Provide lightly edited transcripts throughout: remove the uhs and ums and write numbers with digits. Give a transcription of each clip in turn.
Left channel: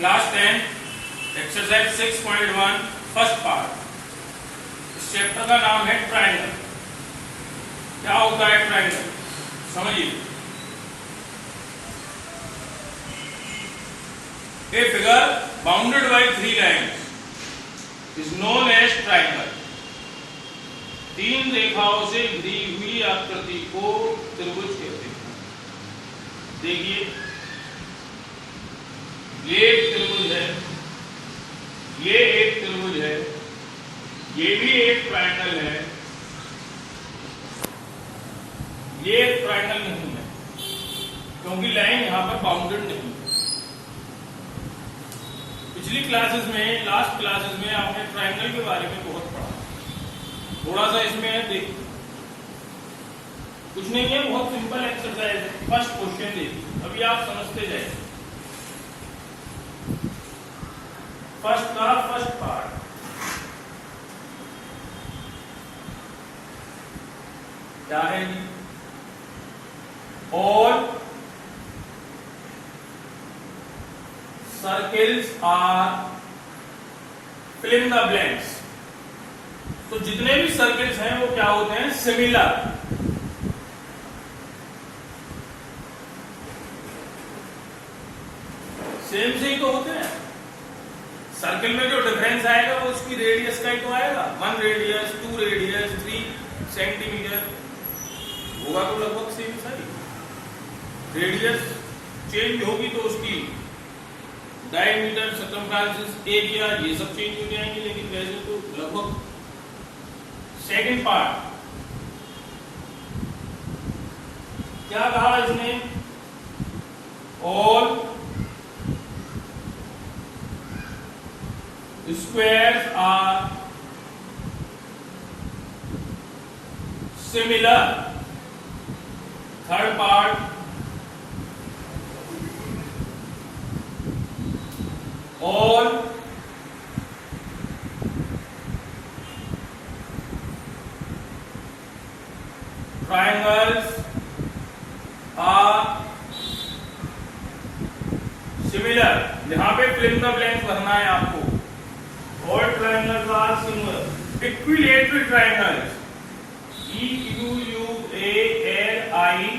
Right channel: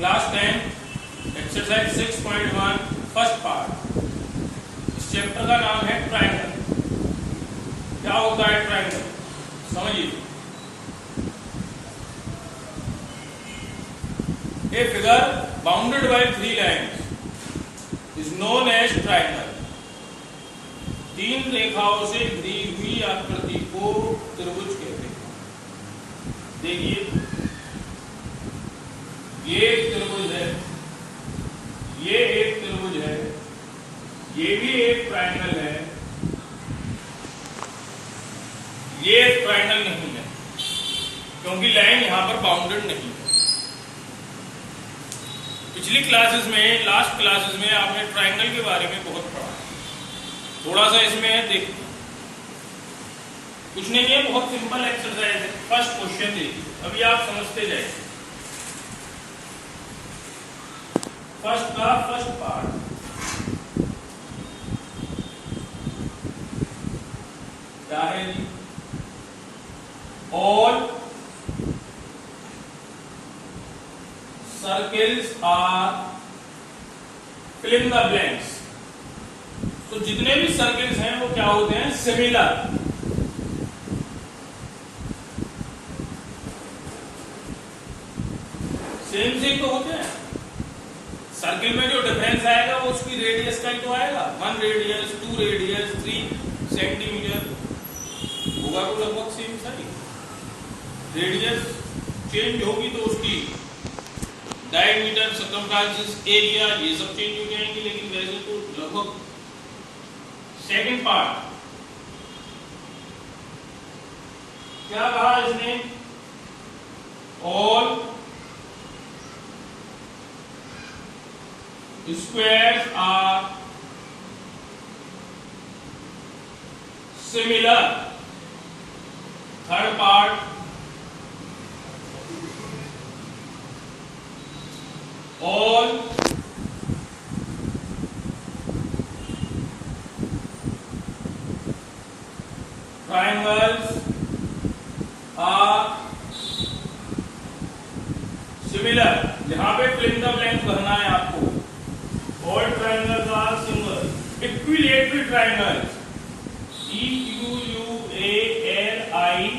Class 10 exercise 6.1 first part. इस chapter का नाम है ट्रायंगल। क्या होता है ट्रायंगल, समझिए। A figure bounded by three lines is known as triangle। तीन रेखाओं से घिरी हुई आकृति को त्रिभुज कहते हैं। देखिए, ये एक त्रिभुज है, ये एक त्रिभुज है, ये भी एक ट्रायंगल है, ये एक ट्रायंगल नहीं है क्योंकि लाइन यहां पर बाउंडेड नहीं है। पिछली क्लासेस में, लास्ट क्लासेस में आपने ट्रायंगल के बारे में बहुत पढ़ा। थोड़ा सा इसमें देखिए, कुछ नहीं है, बहुत सिंपल एक्सरसाइज है। फर्स्ट क्वेश्चन देखिए, अभी आप समझते जाइए। फर्स्ट का फर्स्ट पार्ट, क्या है जी? All circles are fill in the blanks. तो जितने भी सर्किल्स हैं वो क्या होते हैं? सिमिलर। सेम से तो होते हैं। सर्किल में जो डिफरेंस आएगा वो उसकी रेडियस का ही तो आएगा। 1 रेडियस, 2 रेडियस, 3 सेंटीमीटर होगा तो लगभग सेम सारी। रेडियस चेंज होगी तो उसकी डायमीटर, सर्कमफ्रेंस, एरिया, ये सब चेंज हो जाएंगे, लेकिन वैसे तो लगभग। सेकंड पार्ट, क्या कहा इसने? All squares are similar. Third part, all triangles are similar। यहां पे फिल इन द ब्लैंक भरना है आपको। all triangles are similar। equilateral triangles, EQUI LATERAL,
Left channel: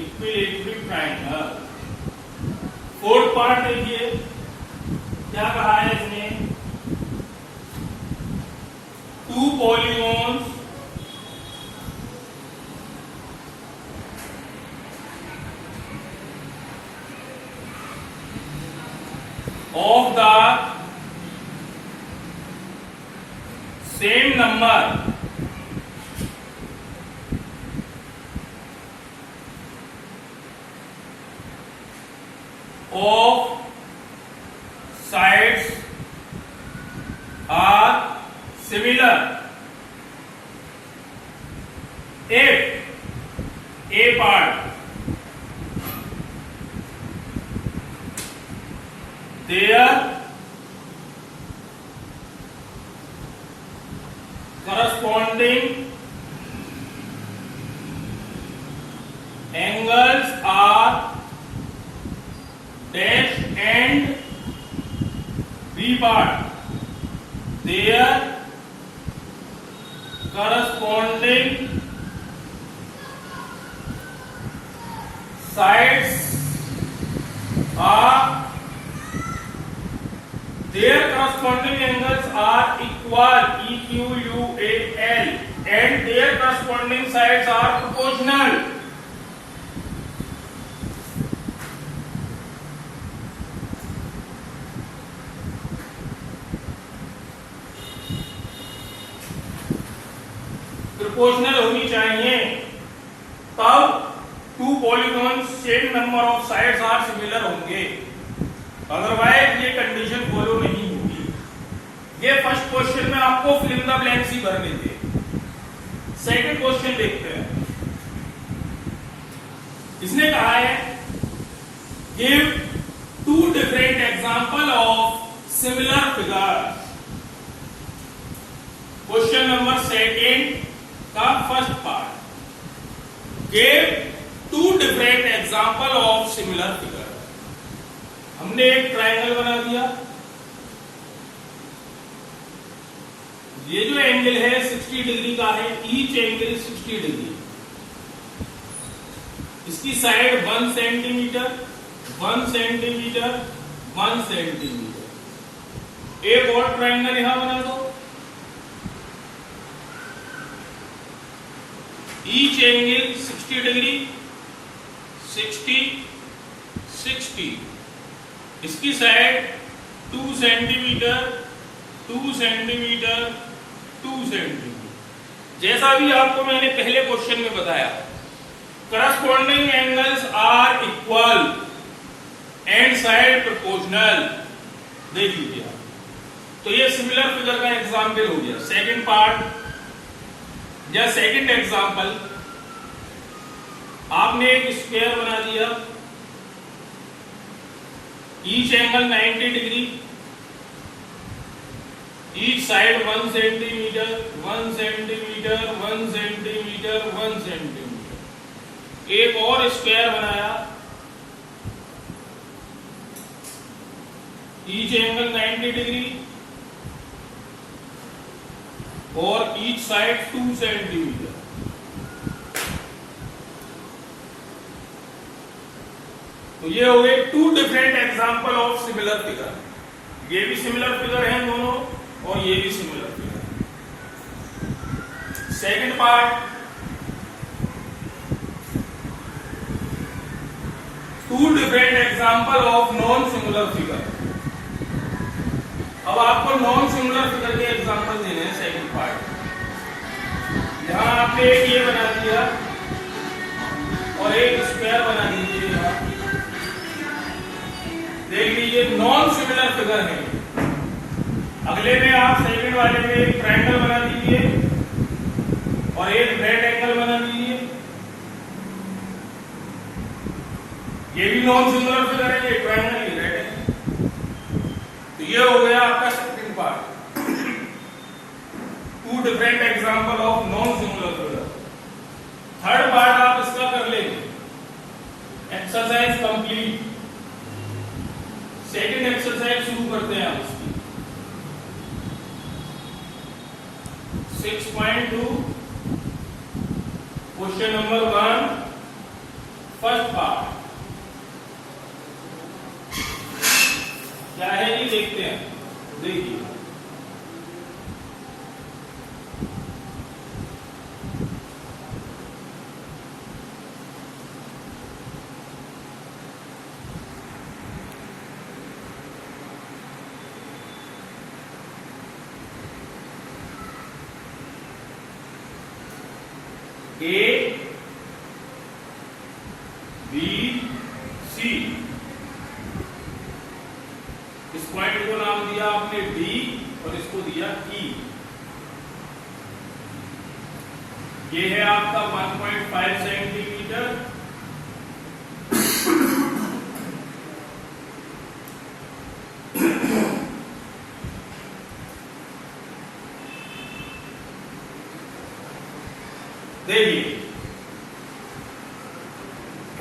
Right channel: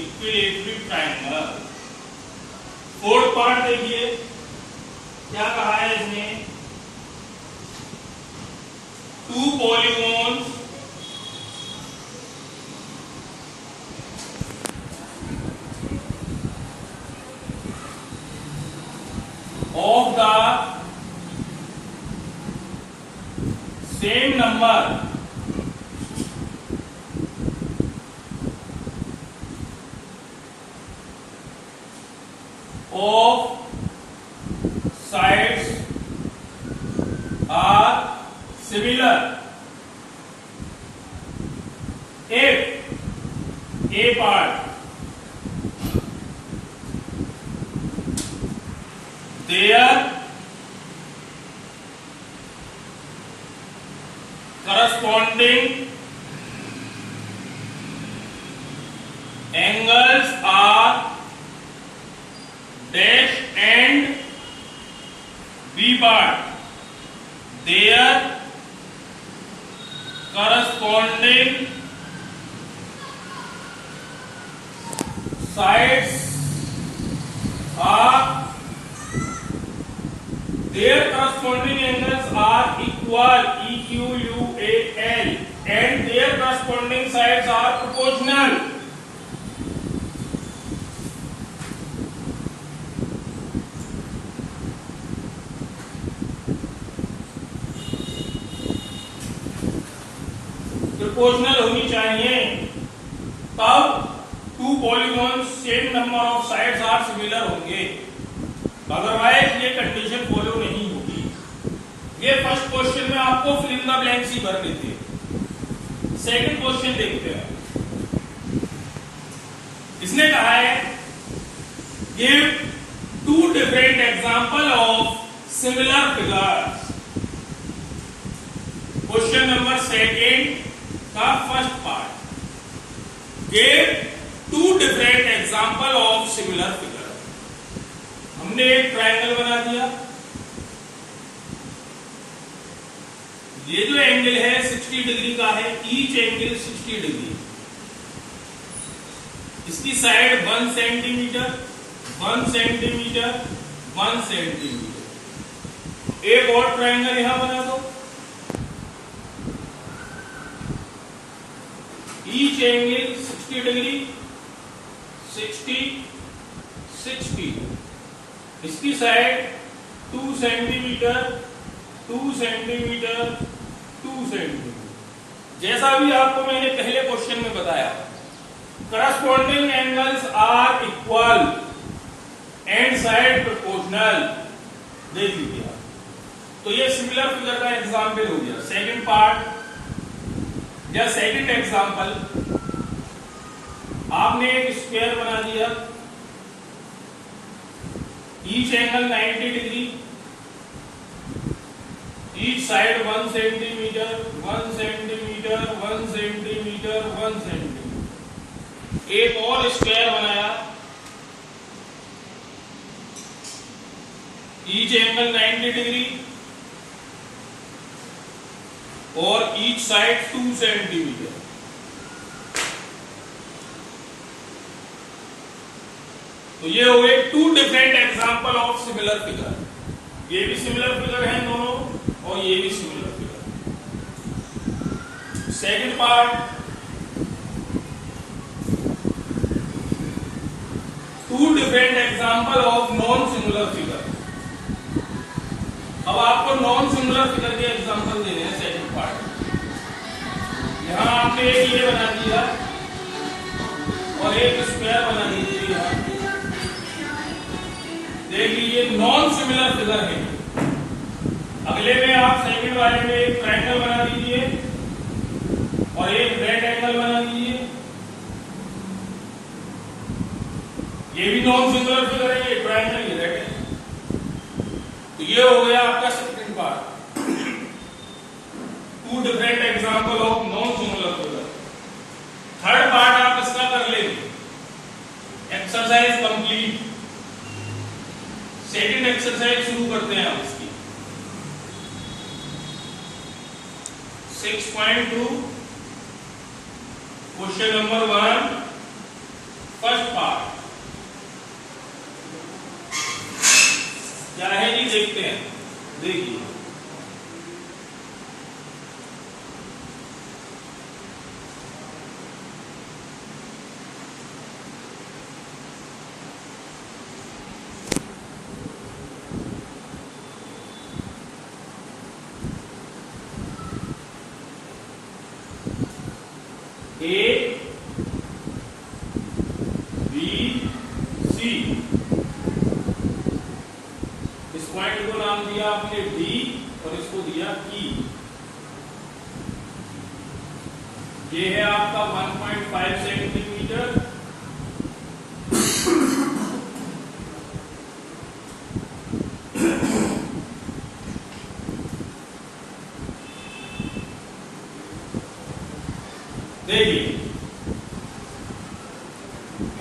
equilateral triangle. Fourth part देखिए, क्या कहा है इसने? Two polygons of the same number of sides are similar if a part their corresponding angles are dash and B part their corresponding sides are their corresponding angles are equal, EQUAL, and their corresponding sides are proportional। Proportional होनी चाहिए, तब two polygon same number of sides are similar होंगे। Otherwise ये condition follow नहीं होगी। ये first question में आपको फिल इन द ब्लैंक्स ही भर देती है। सेकंड क्वेश्चन देखते हैं। इसने कहा है give two different example of similar figures. Question number second का first part, give two different example of similar figure. हमने एक ट्रायंगल बना दिया, ये जो एंगल है 60 डिग्री का है, ईच एंगल 60 डिग्री। इसकी साइड 1 सेंटीमीटर 1 सेंटीमीटर 1 सेंटीमीटर। एक और ट्रायंगल यहां बना दो, ईच एंगल 60 डिग्री 60 60। इसकी साइड 2 सेंटीमीटर 2 सेंटीमीटर 2 सेंटीमीटर। जैसा भी आपको मैंने पहले क्वेश्चन में बताया, corresponding angles are equal and side proportional. देख लीजिए आप, तो ये सिमिलर फिगर का एग्जांपल हो गया। सेकंड पार्ट या सेकंड एग्जांपल, आपने एक स्क्वायर बना दिया, each angle 90 degree, each side 1 centimetre 1 centimetre 1 centimetre 1 centimetre. एक और स्क्वायर बनाया, ईच एंगल 90 डिग्री और ईच साइड 2 सेंटीमीटर। तो ये हो गए two different example of similar figure. ये भी सिमिलर फिगर है दोनों और ये भी similar figure. Second part, two different example of non similar figure. अब आपको नॉन सिमिलर फिगर के एग्जांपल देने हैं। सेकंड पार्ट, यहां आपने एक ये बना दिया और एक स्क्वायर बना दीजिए। यहां देख लीजिए, नॉन सिमिलर फिगर है। अगले में आप सेकंड वाले में एक ट्रायंगल बना दीजिए और एक रेड एंगल बना दीजिए। ये भी नॉन सिमिलर फिगर है, ये ट्रायंगल ही रेड है। तो ये हो गया आपका second part, two different example of non similar figure. Third part आप इसका कर लेंगे, एक्सरसाइज कंप्लीट। सेकंड एक्सरसाइज शुरू करते हैं आप इसकी। 6.2 क्वेश्चन नंबर 1 फर्स्ट पार्ट क्या है जी, देखते हैं। देखिए, ए बी सी, इस पॉइंट को नाम दिया आपने डी और इसको दिया ई। ये है आपका 1.5 सेंटीमीटर, देखिए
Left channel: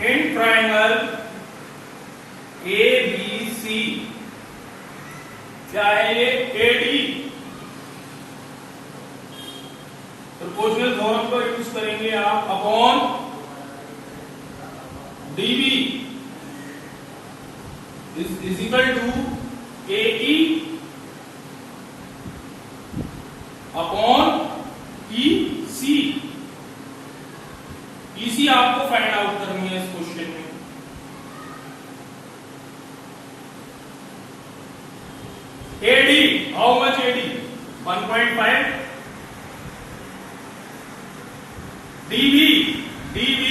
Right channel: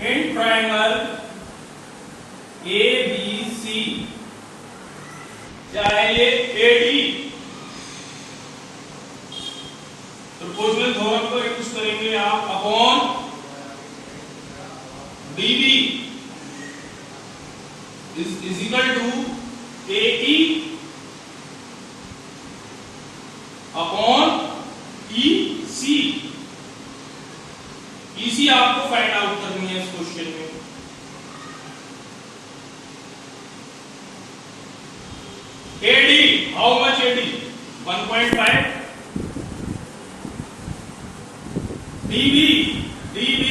in triangle A B C क्या है, ये एडी प्रोपोर्शनल थ्योरम को यूज करेंगे आप upon DB is equal to AE upon E C. इसी आपको फाइंड आउट करनी है इस क्वेश्चन में। AD, how much AD? 1.5। DB 3।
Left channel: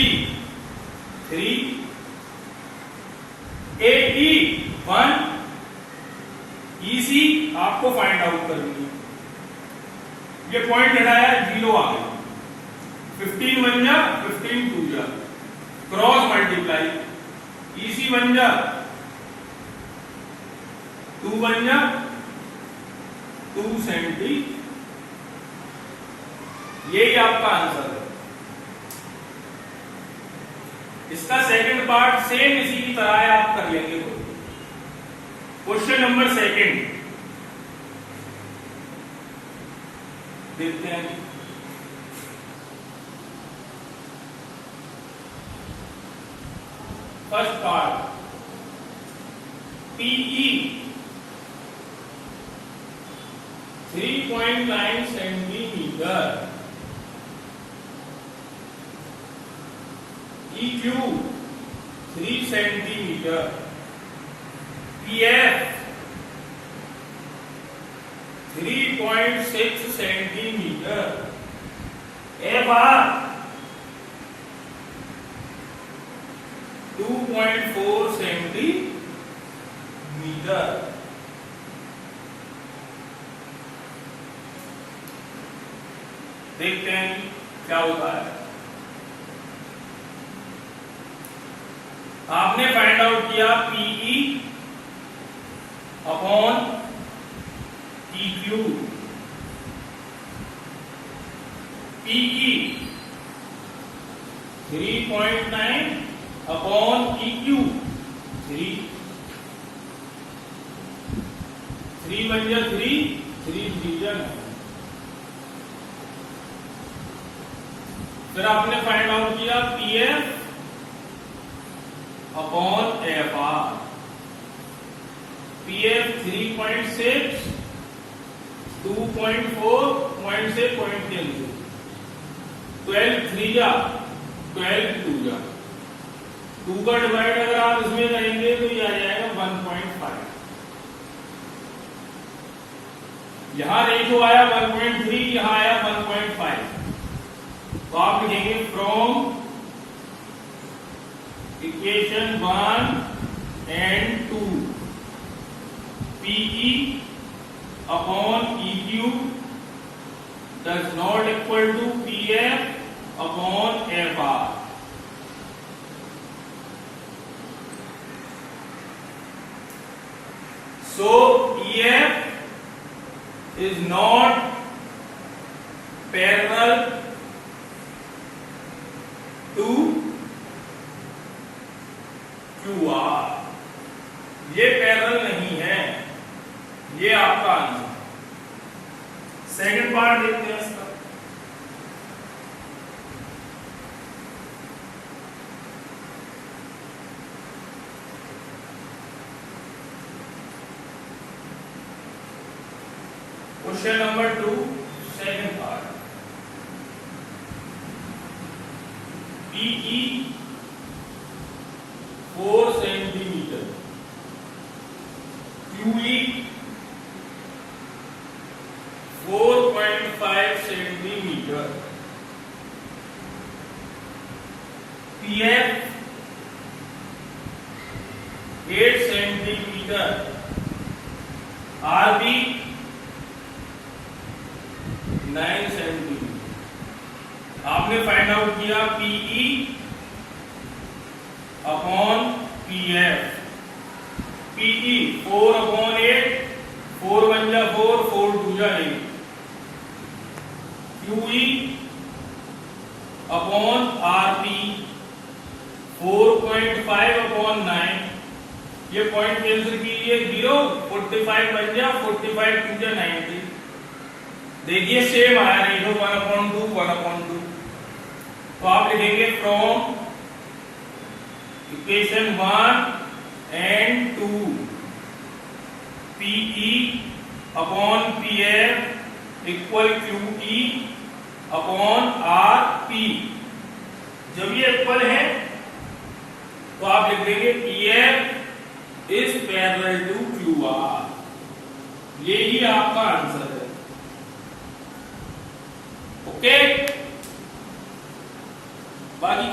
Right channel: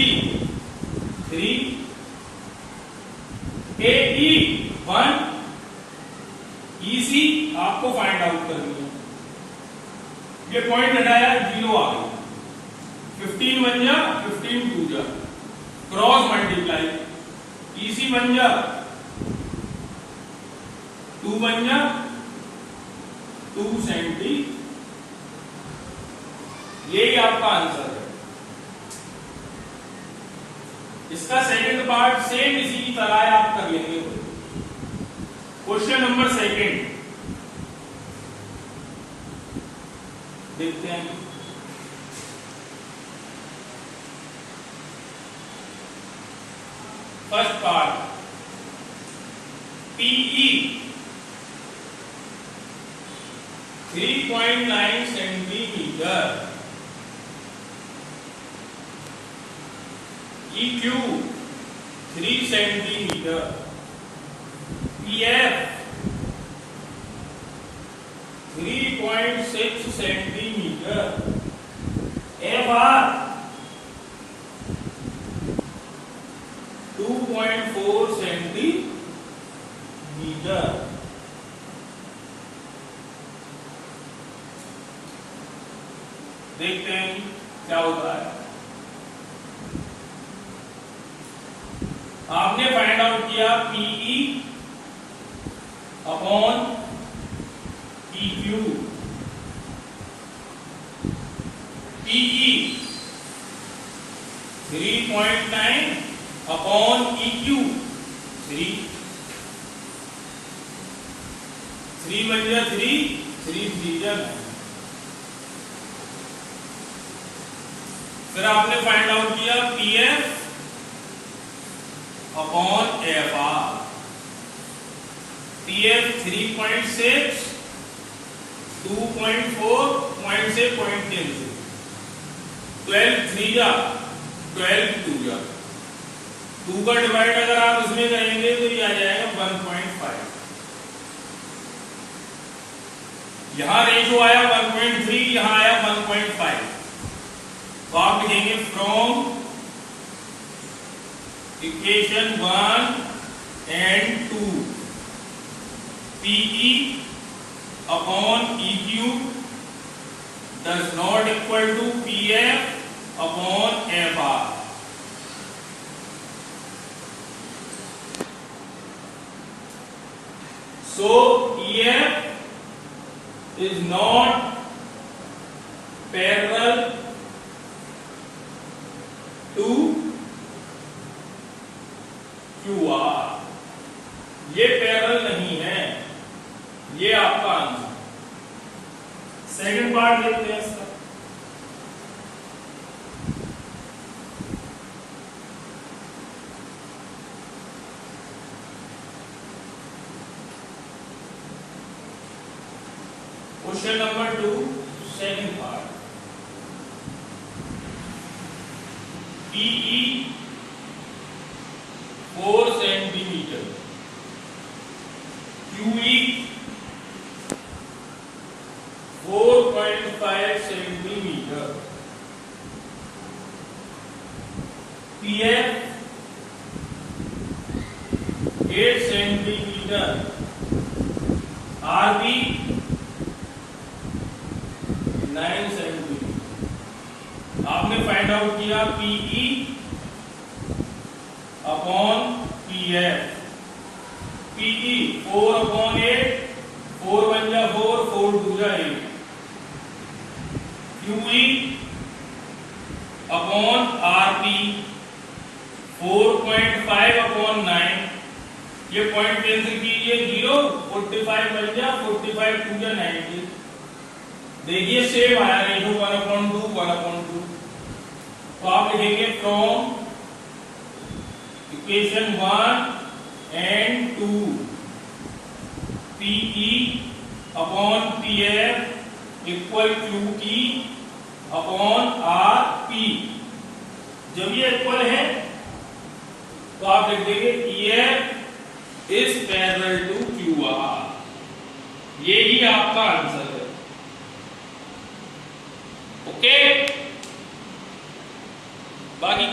AE 1। EC आपको फाइंड आउट करनी है। ये पॉइंट हटाया, 0 आ गया। 15 बन जा, 15 2 जा, क्रॉस मल्टीप्लाई। ईसी बन जा 2 बन जा 2 सेंटी, यही आपका आंसर है। इसका सेकंड पार्ट सेम इसी की तरह है, आप कर लेंगे। क्वेश्चन नंबर सेकंड देखते हैं। First part, PE 3.9 centimetre, EQ 3 centimetre, PF 3.6 centimetre, FR 2.4 centimetre. देखते हैं क्या होता है। आपने फाइंड आउट किया PE upon PQ। PE 3.9 upon EQ 3, 3 बन गया 3, 3 डिवीजन है। फिर आपने फाइंड आउट किया PF upon FR। PF 3.6, 2.4 point से 0.10 से 12 3 जा 12 2 जा 2 का डिवाइड अगर आप इसमें करेंगे तो ये आ जाएगा 1.5। यहां रेशो आया 1.3, यहां आया 1.5। तो आप लिखेंगे from equation 1 and 2 PE upon EQ does not equal to PF upon FR। So EF is not parallel to QR। ये पैरेलल नहीं है, ये आपका आंसर। सेकंड पार्ट देखते हैं इसका। Question number 2, second part. PE 4 centimetre, QE 4.5 centimetre, PF 8 centimetre, RB 9 centimetre. आपने find out किया PE upon PF। PE 4 upon 8, 4 1 जा 4, 4 2 जा 8। QE upon RP 4.5 upon 9। ये पॉइंट कैंसिल कीजिए 0, 45 बन जा 45 2 जा 90। देखिए सेम आया रेशो 1/2 1/2। तो आप लिखेंगे from equation 1 and 2 PE upon PF equal QE upon RP। जब ये इक्वल है तो आप लिख देंगे EF is parallel to QR। ये ही आपका आंसर है। ओके, बाकी